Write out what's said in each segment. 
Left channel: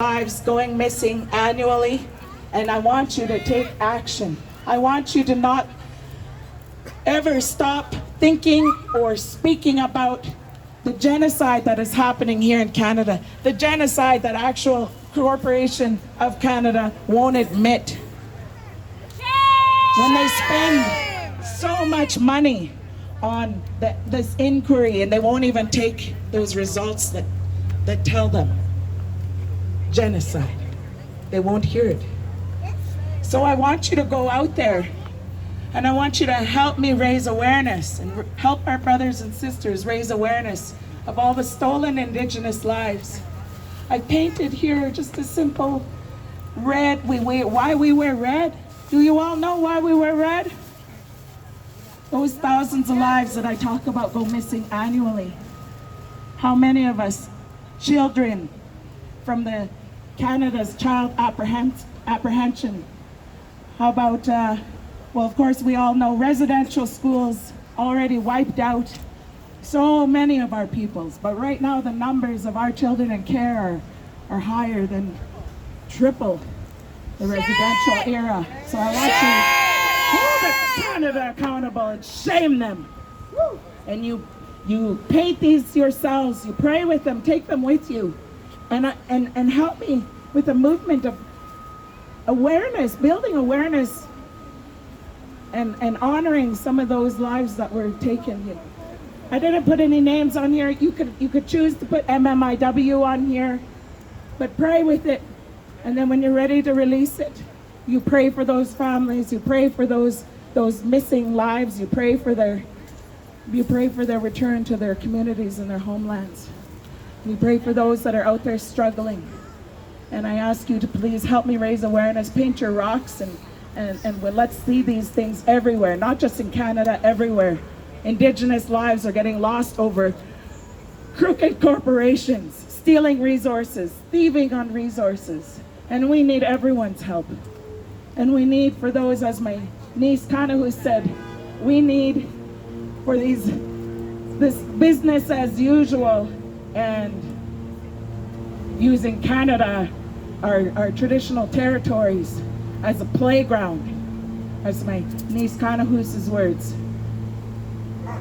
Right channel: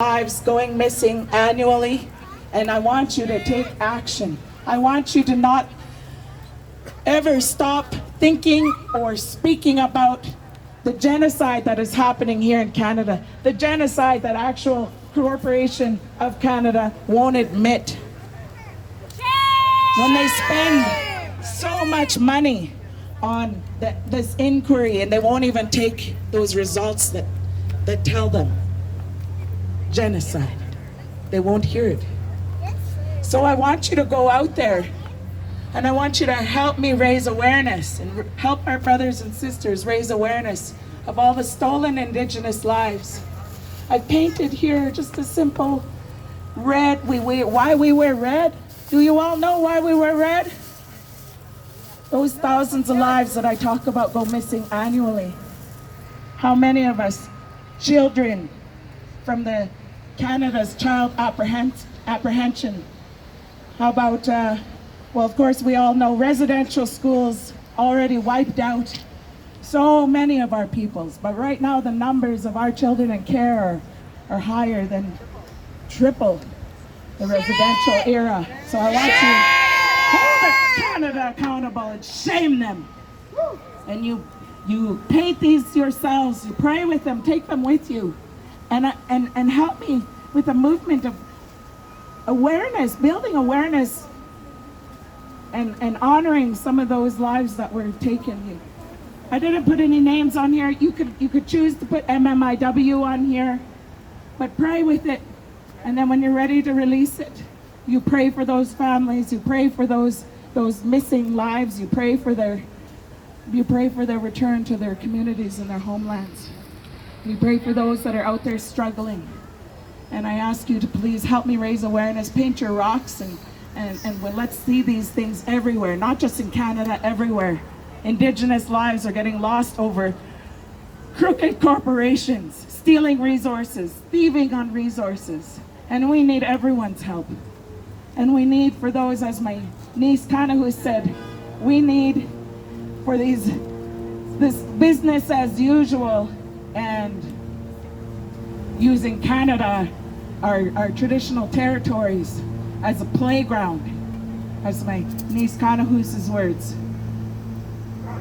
lives going missing annually, and I want you to take action. I want you to not ever stop thinking or speaking about the genocide that is happening here in Canada, the genocide that actual corporation of Canada won't admit. When they spend so much money on this inquiry and they won't even take those results that tell them genocide, they won't hear it. So I want you to go out there and I want you to help me raise awareness and help our brothers and sisters raise awareness of all the stolen Indigenous lives. I painted here just a simple red. Why we wear red? Do you all know why we wear red? Those thousands of lives that I talk about go missing annually. How many of us, children from the Canada's child apprehension? How about, well, of course, we all know residential schools already wiped out so many of our peoples. But right now, the numbers of our children in care are higher than triple the residential era. So I want you to hold Canada accountable and shame them. And you paint these yourselves, you pray with them, take them with you, and help me with a movement of awareness, building awareness and honoring some of those lives that were taken. I didn't put any names on here. You could choose to put MMIW on here, but pray with it. And then when you're ready to release it, you pray for those families, you pray for those missing lives, you pray for their return to their communities and their homelands. We pray for those that are out there struggling. And I ask you to please help me raise awareness, paint your rocks, and let's see these things everywhere, not just in Canada, everywhere. Indigenous lives are getting lost over crooked corporations, stealing resources, thieving on resources. And we need everyone's help. And we need, for those, as my niece Kanahu said, we need for this business as usual and using Canada, our traditional territories, as a playground, as my niece Kanahu's words.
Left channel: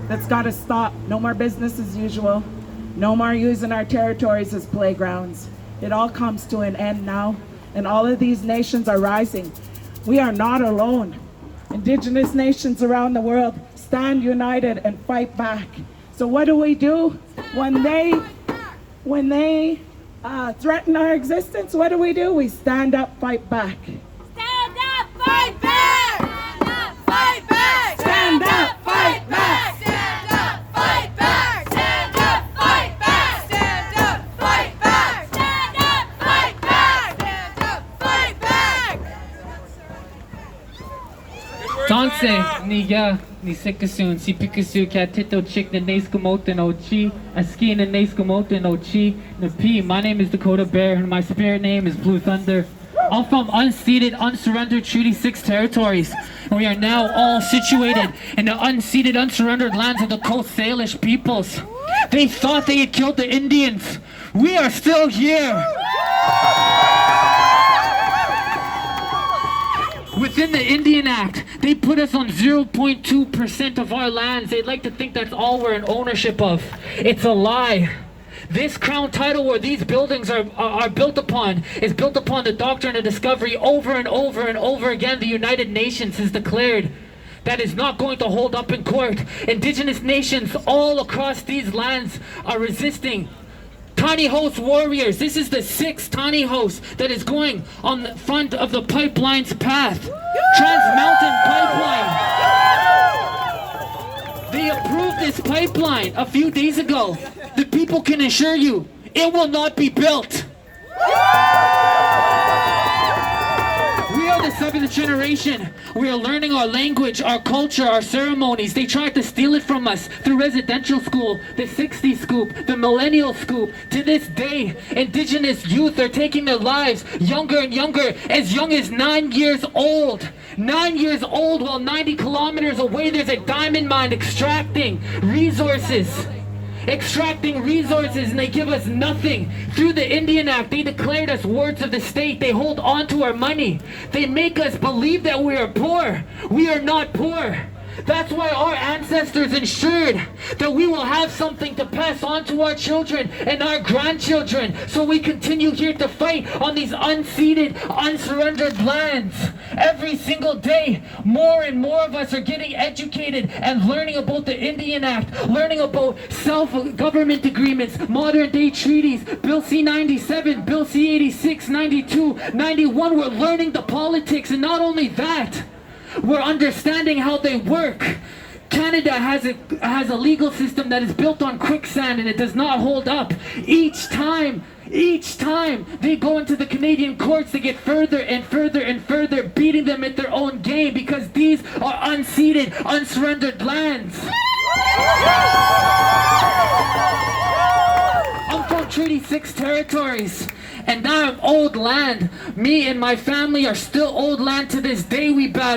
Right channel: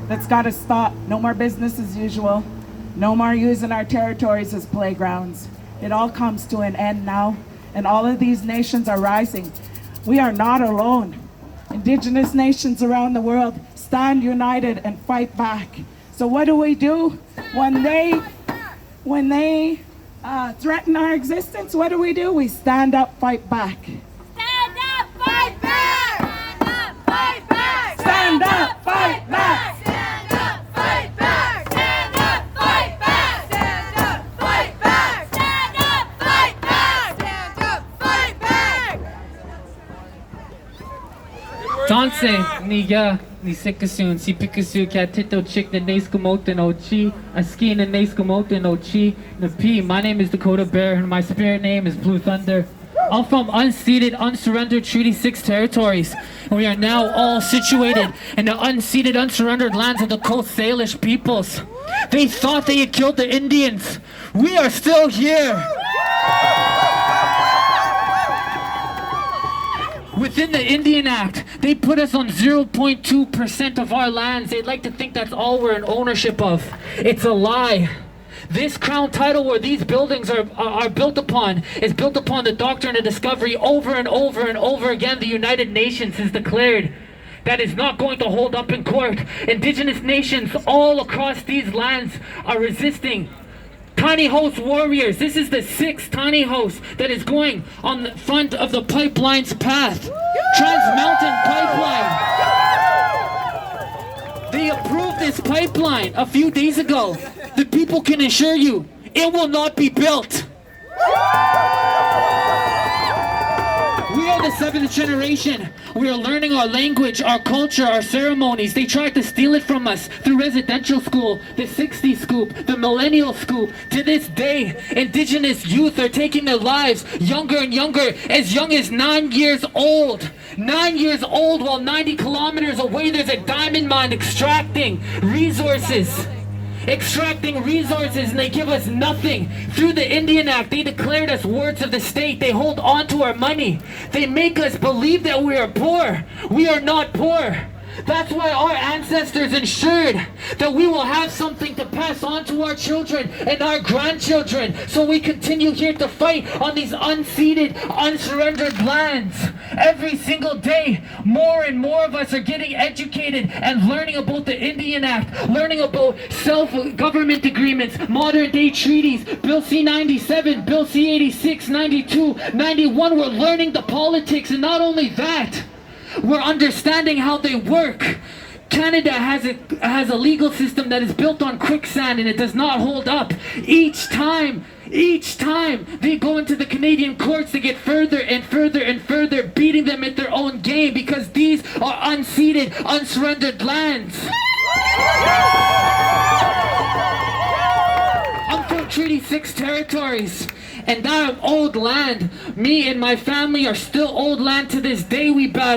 That's got to stop. No more business as usual. No more using our territories as playgrounds. It all comes to an end now, and all of these nations are rising. We are not alone. Indigenous nations around the world stand united and fight back. So what do? When they threaten our existence, what do? We stand up, fight back. Stand up, fight back! Stand up, fight back! Stand up, fight back! Stand up, fight back! Stand up, fight back! Stand up, fight back! Stand up, fight back! Stand up, fight back! Dancing niga ni sikasun si pikasu katito chick the neskumote no chi a ski in the neskumote no chi no p. My name is Dakota Bear and my spirit name is Blue Thunder. I'm from unceded, unsurrendered Treaty 6 territories, and we are now all situated in the unceded, unsurrendered lands of the Coast Salish peoples. They thought they had killed the Indians. We are still here. Within the Indian Act, they put us on 0.2% of our lands. They'd like to think that's all we're in ownership of. It's a lie. This crown title where these buildings are built upon is built upon the doctrine of discovery. Over and over and over again, the United Nations has declared that is not going to hold up in court. Indigenous nations all across these lands are resisting. Tiny Host warriors, this is the 6th tiny host that is going on the front of the pipeline's path. Trans Mountain Pipeline. They approved this pipeline a few days ago. The people can assure you, it will not be built. We are the 7th generation. We are learning our language, our culture, our ceremonies. They tried to steal it from us through residential school, the 60s scoop, the millennial scoop. To this day, Indigenous youth are taking their lives younger and younger, as young as 9 years old. 9 years old, while 90 kilometers away there's a diamond mine extracting resources. extracting resources, and they give us nothing. Through the Indian Act, they declared us wards of the state. They hold on to our money. They make us believe that we are poor. We are not poor. That's why our ancestors ensured that we will have something to pass on to our children and our grandchildren, so we continue here to fight on these unceded, unsurrendered lands. Every single day, more and more of us are getting educated and learning about the Indian Act, learning about self-government agreements, modern-day treaties, Bill C-97, Bill C-86, 92, 91. We're learning the politics, and not only that, we're understanding how they work. Canada has a legal system that is built on quicksand, and it does not hold up. Each time they go into the Canadian courts, they get further and further and further, beating them at their own game, because these are unceded, unsurrendered lands. I'm from Treaty 6 territories, and now I'm old land. Me and my family are still old land to this day. We battle.